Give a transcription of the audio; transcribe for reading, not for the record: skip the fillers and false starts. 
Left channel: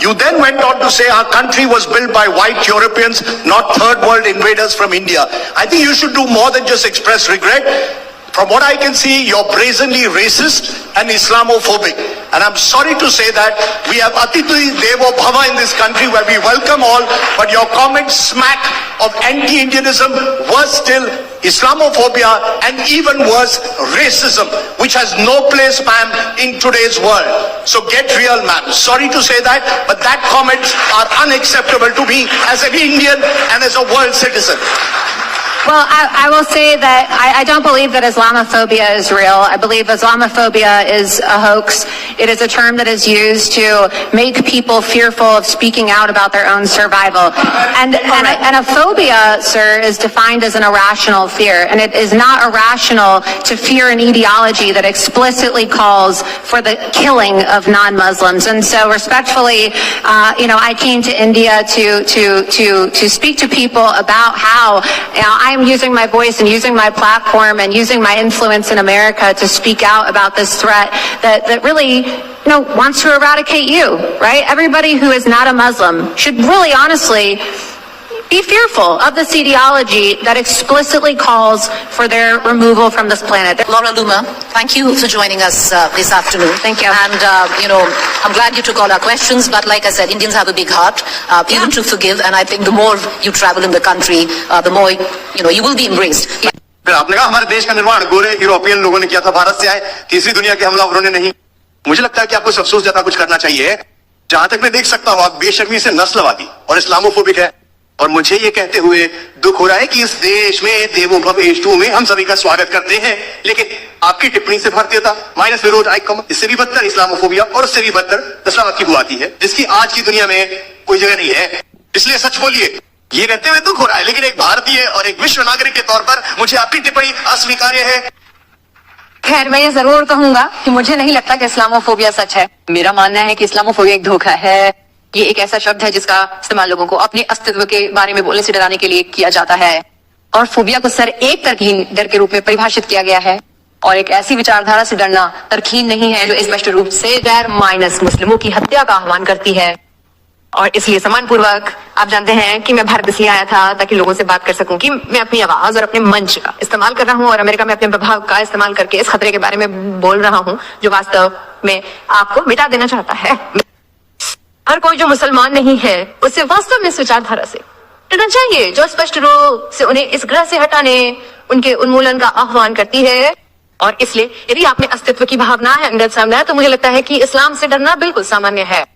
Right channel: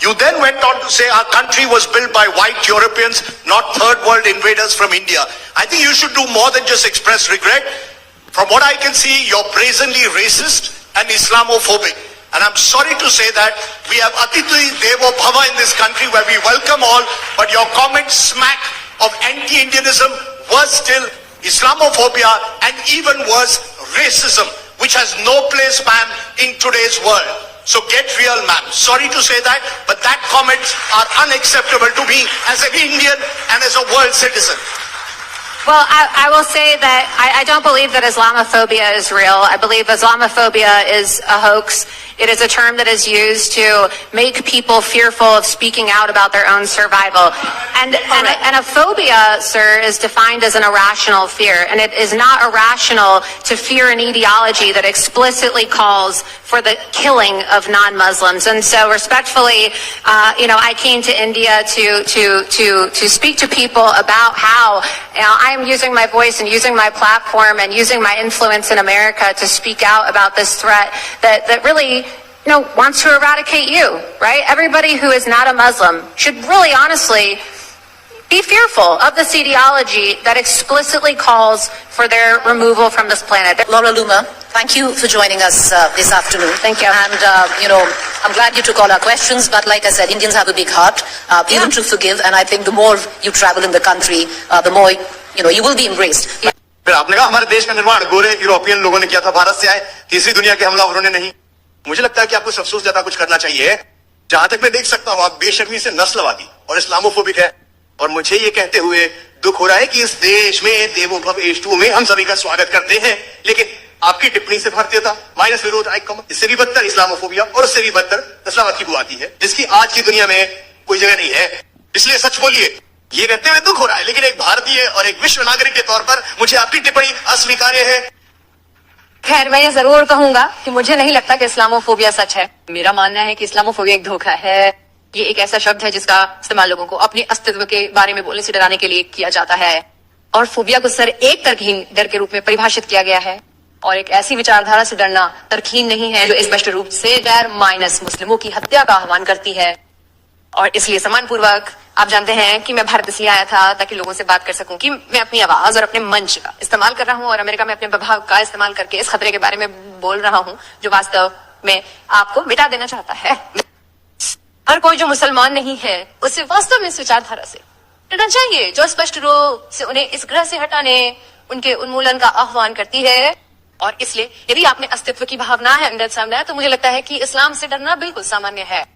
You then went on to say our country was built by white Europeans, not third world invaders from India. I think you should do more than just express regret. From what I can see, you're brazenly racist and Islamophobic. And I'm sorry to say that we have Atiti Devo Bhava in this country where we welcome all, but your comments smack of anti-Indianism, worse still, Islamophobia, and even worse, racism, which has no place, ma'am, in today's world. So get real, ma'am. Sorry to say that, but that comments are unacceptable to me as an Indian and as a world citizen. Well, I will say that I don't believe that Islamophobia is real. I believe Islamophobia is a hoax. It is a term that is used to make people fearful of speaking out about their own survival. And a phobia, sir, is defined as an irrational fear. And it is not irrational to fear an ideology that explicitly calls for the killing of non-Muslims. And so respectfully, I came to India to speak to people about how I'm using my voice and using my platform and using my influence in America to speak out about this threat that really, wants to eradicate you, right? Everybody who is not a Muslim should really honestly be fearful of this ideology that explicitly calls for their removal from this planet. Laura Loomer, thank you for joining us this afternoon. Thank you. And, I'm glad you took all our questions, but like I said, Indians have a big heart, even to forgive, and I think the more you travel in the country, the more, you will be embraced. फिर आपने कहा हमारे देश का निर्माण गोरे यूरोपियन लोगों ने किया था, भारत से आए तीसरी दुनिया के हमलावरों ने नहीं। मुझे लगता है कि आपको अफसोस ज्यादा कुछ करना चाहिए। जहां तक मैं देख सकता हूं, आप बेशर्मी से नस्लवादी और इस्लामोफोबिक है, और मुझे ये कहते हुए दुख हो रहा है कि इस देश में देवो भव एष्टु में हम सभी का स्वागत करते हैं, लेकिन आपकी टिप्पणी से भारतीयता माइनस विरोध आइकम, इससे भी बदतर इस्लामोफोबिया और उससे भी बदतर नस्लवाद की बुआती है, जिसकी आज की दुनिया में कोई जगह नहीं है। इसलिए सच बोलिए। ये कहते हुए दुख हो रहा है, लेकिन एक भारतीय और एक विश्व नागरिक के तौर पर मुझे आपकी टिप्पणी अस्वीकार्य है। खैर, मैं ये जरूर कहूंगा कि मुझे नहीं लगता कि इस्लामोफोबिया सच है। मेरा मानना है कि इस्लामोफोबिया एक धोखा है। ये एक ऐसा शब्द है जिसका इस्तेमाल लोगों को अपने अस्तित्व के बारे में बोलने से डराने के लिए किया जाता है, और फोबिया को सर एक तरकीन डर के रूप में परिभाषित किया गया है, और एक ऐसी विचारधारा से डरना तरकीन नहीं है जो स्पष्ट रूप से गैर माइनस मुस्लिमों की हत्या का आह्वान करती है। और इसलिए सम्मानपूर्वक आप जानते हैं कि मैं भारत इसलिए आया था ताकि लोगों से बात कर सकूं कि मैं अपनी आवाज और अपने मंच का इस्तेमाल कर रहा हूं, और अमेरिका में अपने प्रभाव का इस्तेमाल करके इस खतरे के बारे में बोल रहा हूं जो वास्तव में आपको मिटा देना चाहता है। हर कोई जो मुसलमान नहीं है उसे वास्तव में इस विचारधारा से डरना चाहिए जो स्पष्ट रूप से उन्हें इस ग्रह से हटाने, उनके उन्मूलन का आह्वान करती है। और इसलिए यदि आप में अस्तित्व की भावना है अंदर सामने, तो मुझे लगता है कि इस्लाम से डरना बिल्कुल सामान्य है।